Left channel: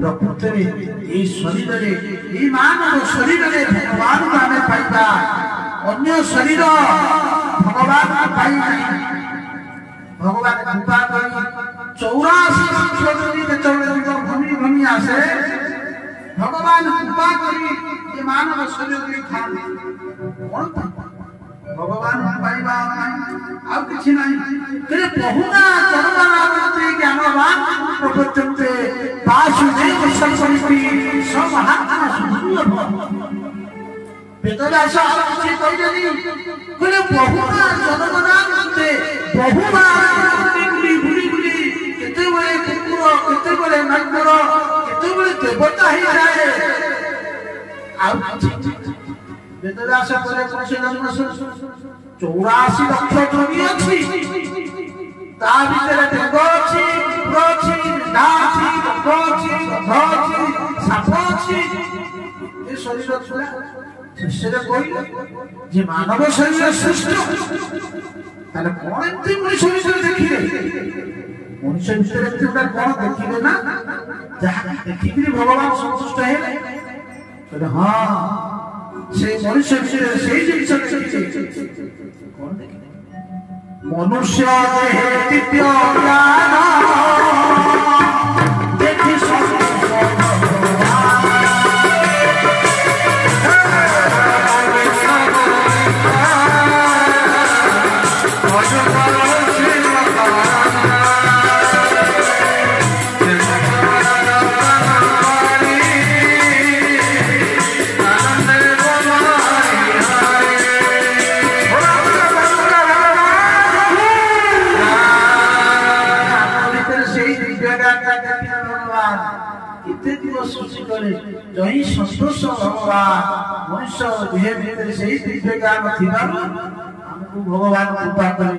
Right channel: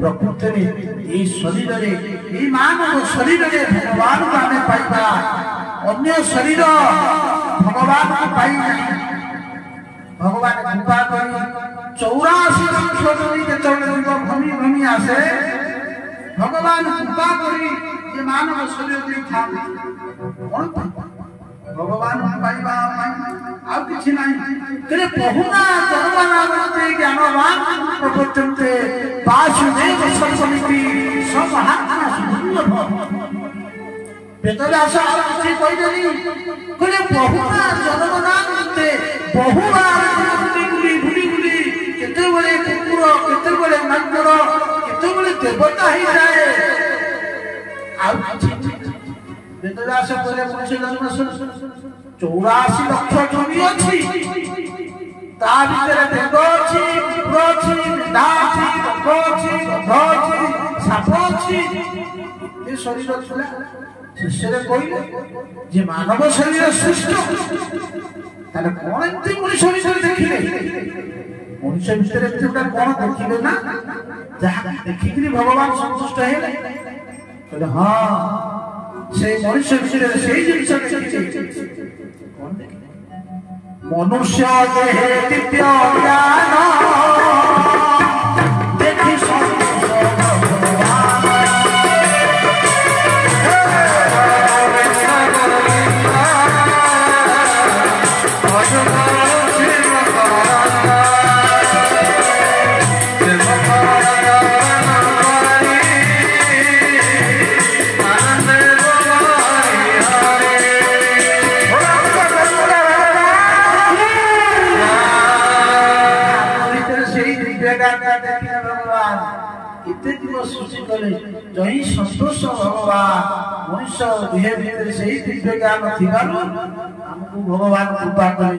प्रकृति में शरीर में मानव शरीर में भगवान को आम पाइबा अन्य शरीर भगवान को पाई भगवान कृपा कर 84 भूमि भूमि आसे भगवान कृपा कर मानव शरीर भगवान पाइबा आउ किछि नाही तेरे बहुना ज्ञानवान प्रपंचते वासुदेव सर्वमिति समहात्म वेदव्यास किछि कहलेनी तेरे बहुना जनगणाते बहुना बुली केते बळे कुकुर केते बळे मानकर केते बळे देवता ही जाए आउ वेदव्यास करे पुरुष जन्म 84 लक्ष जमी अछि ता भीतर देव अछि विप्र अछि ना अछि रक्त अछि गध अछि साप अछि ए शरीर छला शिष्य कहले जे मानव शरीर श्रेष्ठ ताले कोन एते मनुष्य शरीर देखिले मनुष्य भीतर एते कोन देखिले ना जहा देखिकरी भगवान संतुष्ट हेले कहले हां से मनुष्य विषय से जिनिस मनुष्य देहे दिव्य ज्ञान देखि जही संतोष भगवान मनुष्य देह भीतर से दिव्य ज्ञान थी भगवान कृपा करे।